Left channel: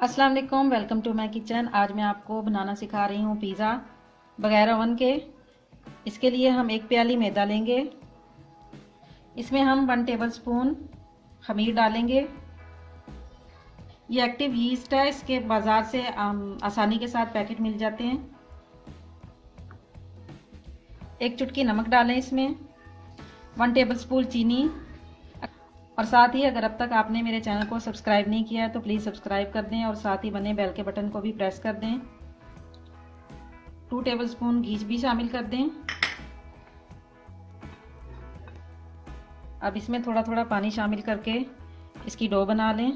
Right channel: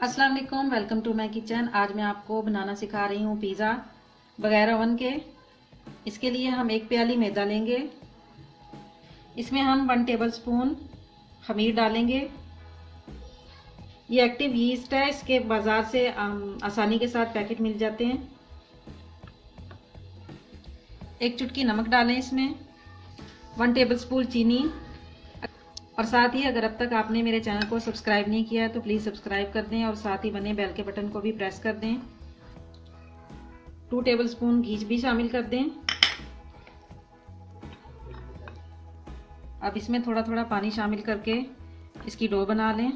अस्सलाम वालेकुम, welcome to my kitchen. आज मैं आपको बनाना सिखा रही हूँ पिज़्ज़ा बगैर ओवन के। इसके लिए हम एक प्याली मैदा लेंगे। इसमें हम 1 टेबलस्पून खमीर डालेंगे। ये एक्टिव यीस्ट है, इसके बाज़ार से आसानी के साथ पैकेट मिल जाते हैं। 1 चुटकी नमक डालें इसमें, 1 टेबलस्पून चीनी, और साथ ही अगर अब तक आपने मेरे चैनल को सब्सक्राइब नहीं किया है तो प्लीज़ सब्सक्राइब कर दें और साथ ही बने बेल के बटन को भी प्रेस कर दें। 2 टेबलस्पून घी भी शामिल कर दें। अब इसमें थोड़ा थोड़ा पानी शामिल करके इसकी डो बना लें।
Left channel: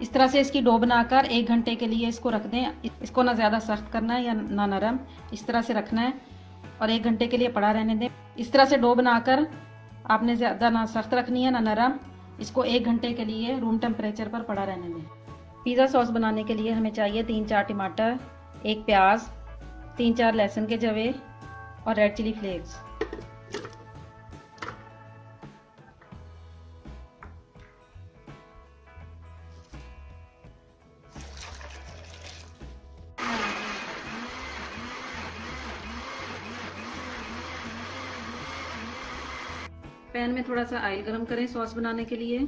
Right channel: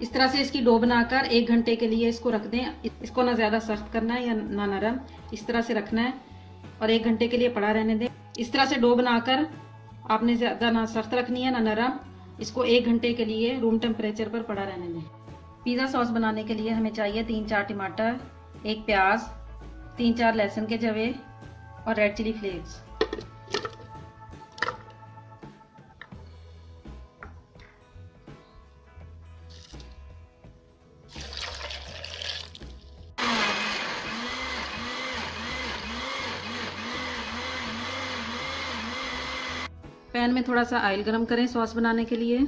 इस तरह से इसकी डो बनाकर 1 घंटे के लिए इसको रख दें। इसको ना ज़्यादा सख्त करना है या ना नरम, इस तरह से रखना है और 1 घंटे के लिए पड़ा रहने दें। इस तरह से डो बनाकर आपने ज़्यादा ना सख्त रखनी है ना नरम। इसको 1 घंटे के लिए रूम टेम्परेचर पर पड़ा रहने दें। पिज़्ज़ा सॉस बनाने के लिए हमें चाहिए 3-4 टमाटर, 1 प्याज, 3-4 लहसुन के जवे और रेड चिली फ्लेक्स। पैन में थोड़ा सा ऑयल गरम करें सॉस बनाने के लिए।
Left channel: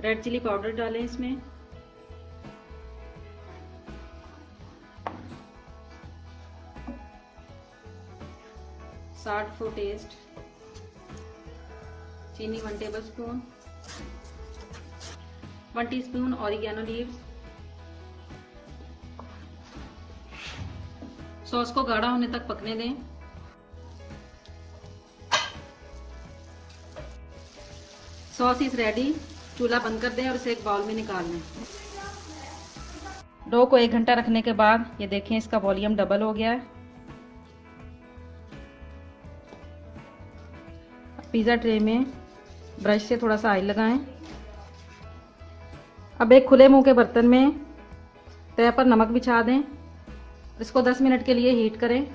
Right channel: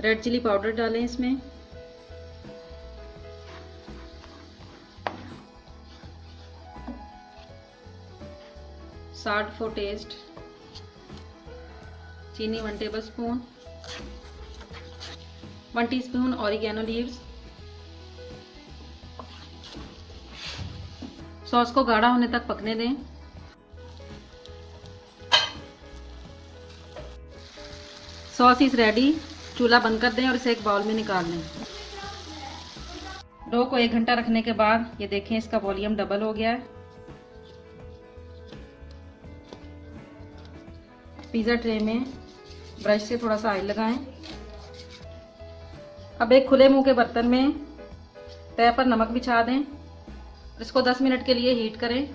रेड चिली पाउडर डालें इसमें, साल्ट फॉर टेस्ट, चीनी 1 tablespoon, 1 teaspoon oregano leaves. Sauce को गाढ़ा होने तक पकने दें। Sauce is ready. चूल्हा बंद कर दें और इसे एक बाउल में निकाल लें। डो को 1 घंटा रखने के बाद ये देखें इसका वॉल्यूम डबल हो गया है। पिज़्ज़ा ट्रे में ब्रश से थोड़ा सा ऑयल लगाएं। अब एक खुले मुंह के बर्तन में तवे पर नमक बिछा दें। इसको 10 मिनट के लिए हीट करें।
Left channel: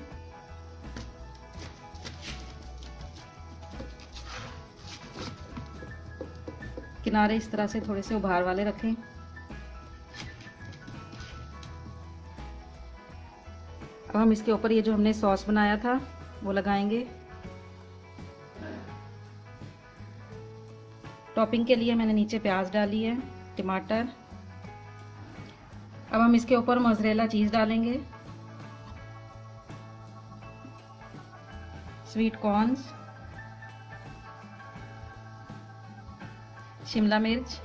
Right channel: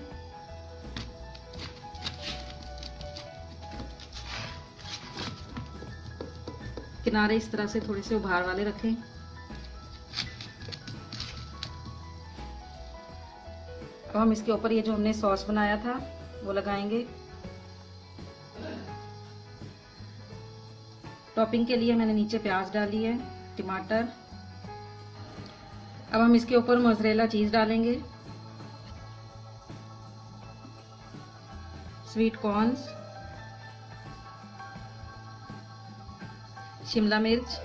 किनारे इस तरह से थोड़े से उभार वाले रखें। अब हम इसके ऊपर ये जो हमने सॉस बनाया था वो लगाएंगे। टॉपिंग के लिए मैंने नीचे प्याज डाली है, टमाटर। अब हम इसके ऊपर मोज़रेला चीज़ डालेंगे, स्वीट कॉर्न्स, शिमला मिर्च,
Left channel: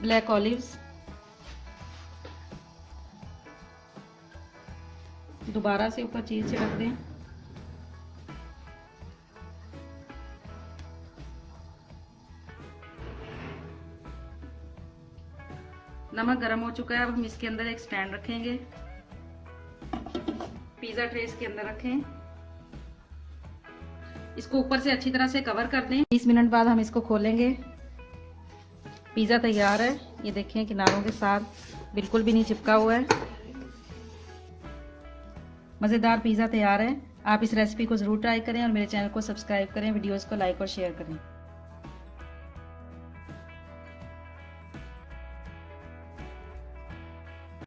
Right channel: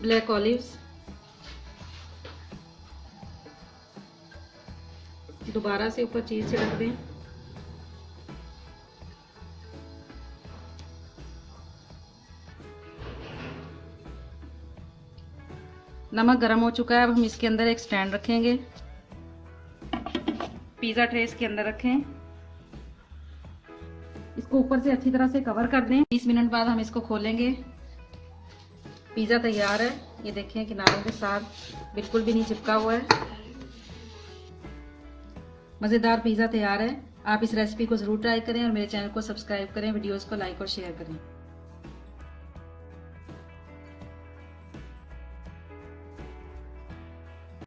ब्लैक ऑलिव्स। दोबारा से ऊपर चीज़ छिड़क दें। नमक गर्म हो चुका है। अब हम इसके अंदर एक स्टैंड रखेंगे। पिज़्ज़ा ट्रे इसके अंदर रखें। इसको ऊपर से अच्छी तरह से कवर कर दें। 20 मिनट बाद हम इसको खोलेंगे। पिज़्ज़ा तैयार है। ये देखें किनारों के साथ बिल्कुल भी नहीं चिपका हुआ है। मज़ेदार पिज़्ज़ा तैयार है। आप इस रेसिपी को ज़रूर ट्राई करें और मेरे चैनल को सब्सक्राइब करें, वीडियोज़ को लाइक और शेयर करें।